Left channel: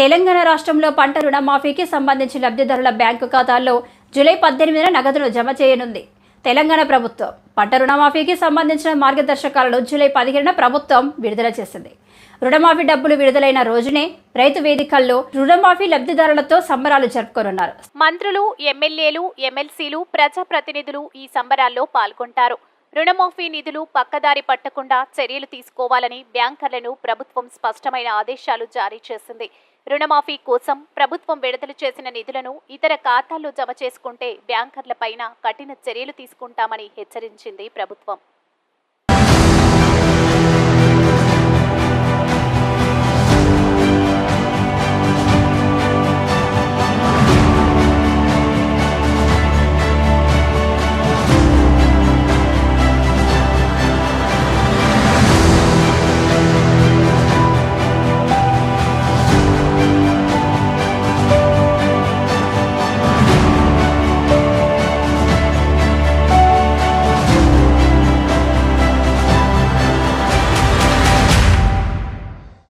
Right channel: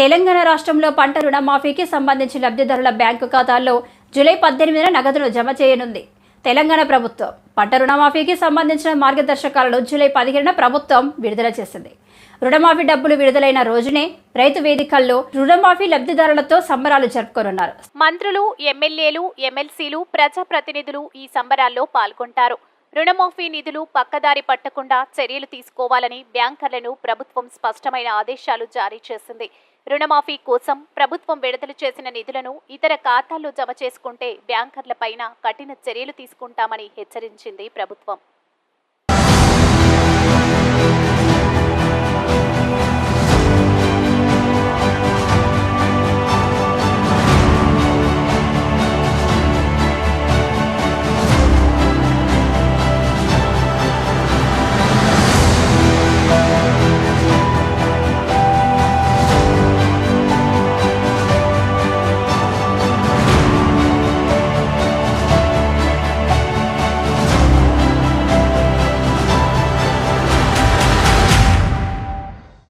తెలంగాణ రాష్ట్రంలో పంట రుణమాఫీకి సంబంధించి లబ్ధిదారుల బ్యాంకు ఖాతాల్లో జూలై 18న నగదును జమ చేయనుంది తెలంగాణ ప్రభుత్వం. పంట రుణమాఫీకి సంబంధించిన మార్గదర్శకాలను జూలై 15న ప్రభుత్వం విడుదల చేసింది. రుణమాఫీ డబ్బులు విడుదలైన రోజునే రైతు వేదికల్లో రుణమాఫీ లబ్ధిదారులతో సంబరాలు జరుపుకోనున్నారు. మంత్రులు, ఎమ్మెల్యేలు, ఎమ్మెల్సీలు, ప్రజాప్రతినిధులు ఈ సంబరాల్లో పాల్గొంటారు. రుణమాఫీ నిధులు పక్కదారి పట్టకుండా చర్యలు తీసుకోవాలని బ్యాంకర్లను ప్రభుత్వం స్పష్టమైన ఆదేశాలు జారీ చేసింది. రుణమాఫీ కోసం ప్రభుత్వం విడుదల చేసిన నిధులను ఇతర ఖాతాల్లో జమ చేసుకుంటే బ్యాంకర్లపైన కఠిన చర్యలు తీసుకుంటామని హెచ్చరించింది ప్రభుత్వం.